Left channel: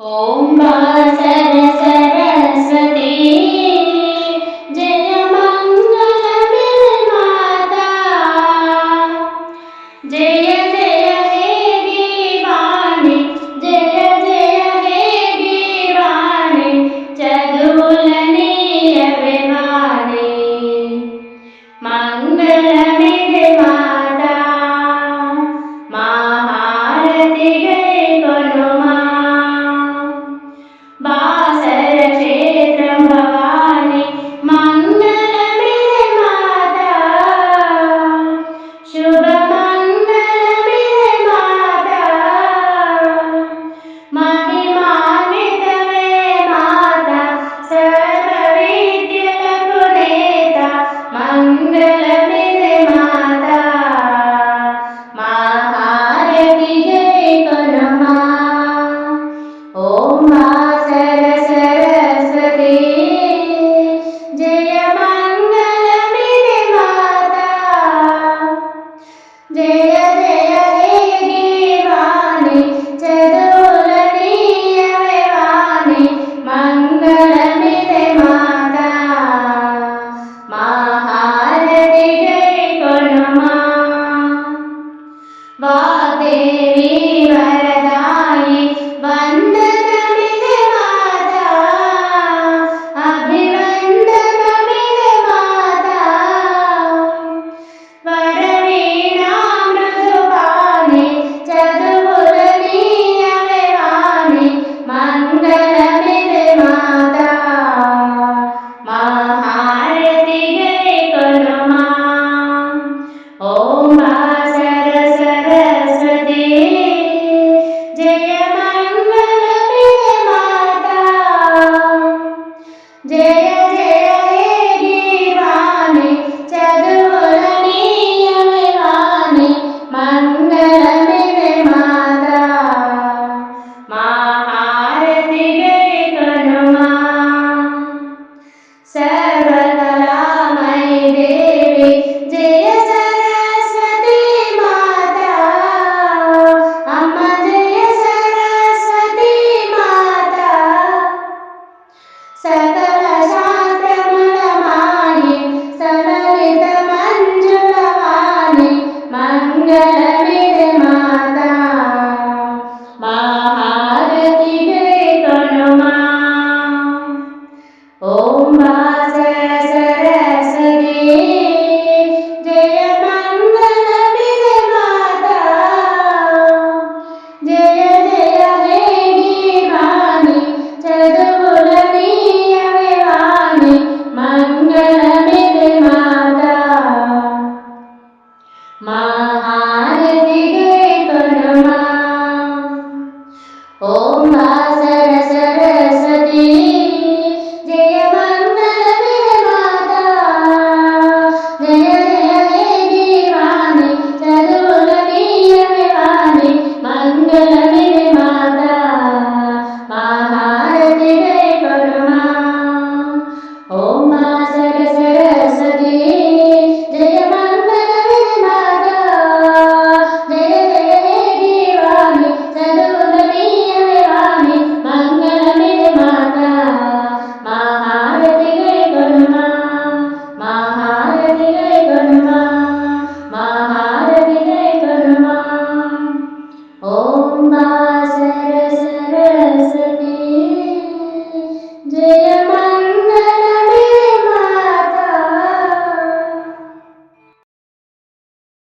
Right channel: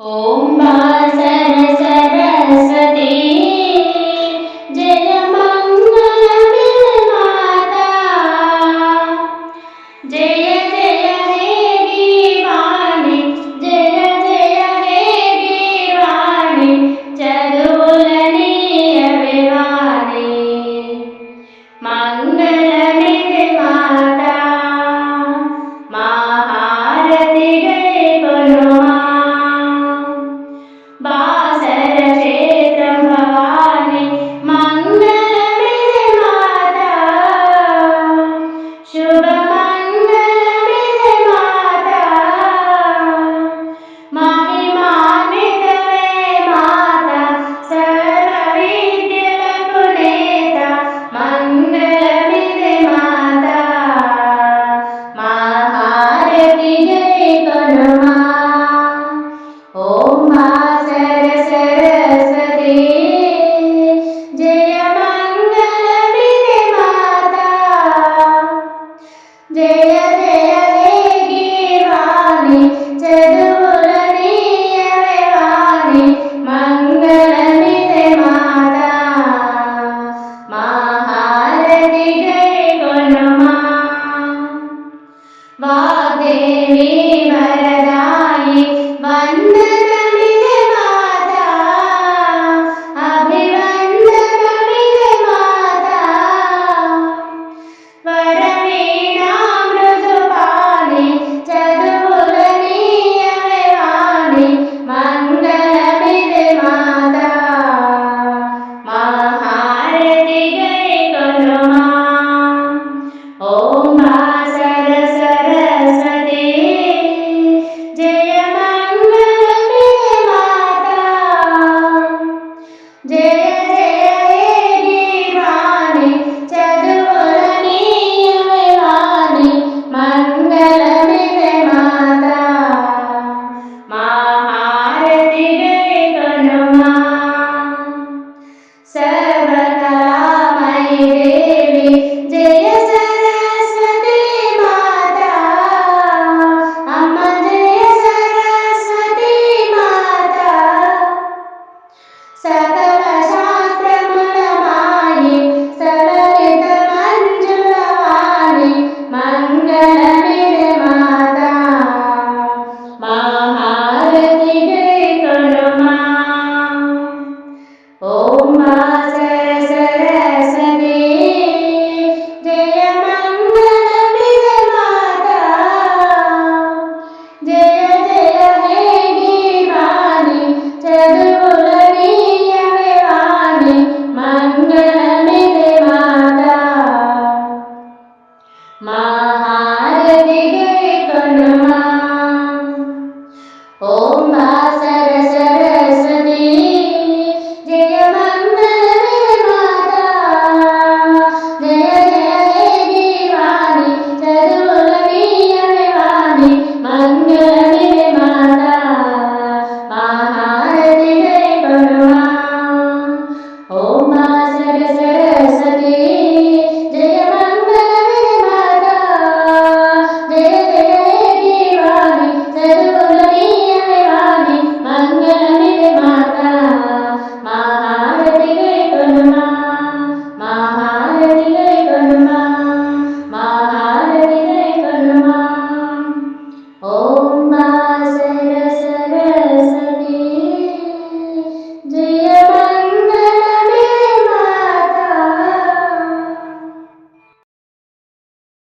ॐ washer Saraswati जय मङ्गलमाता जय जय हे गीर्वाणि जय जय हे गीर्वाणि चदुवुलनीयवे वाणि मङ्गलमिदे माता महारति गैकोनुमा बासर क्षेत्रं भवानि मङ्गलमिदे माता शुभमङ्गलमिदे माता महिमान्वितवे माता सर्वविद्यలకు నేత मङ्गलमिदे माता महारति गैकोनुमा ॐ वासर सरस्वती जय मङ्गलमिदे माता जय जय हे गीर्वाणि चदुवुलनीयवे वाणि मङ्गलमिदे माता महारति गैकोनुमा वाग्देवी वरदायि वन्दनमिदे माता अभिवन्दनमिदे माता वरवीणा मृदुपाणि चदुवुलनीयवे वाणि मङ्गलमिदे माता महारति गैकोनुमा ॐ वासर सरस्वती जय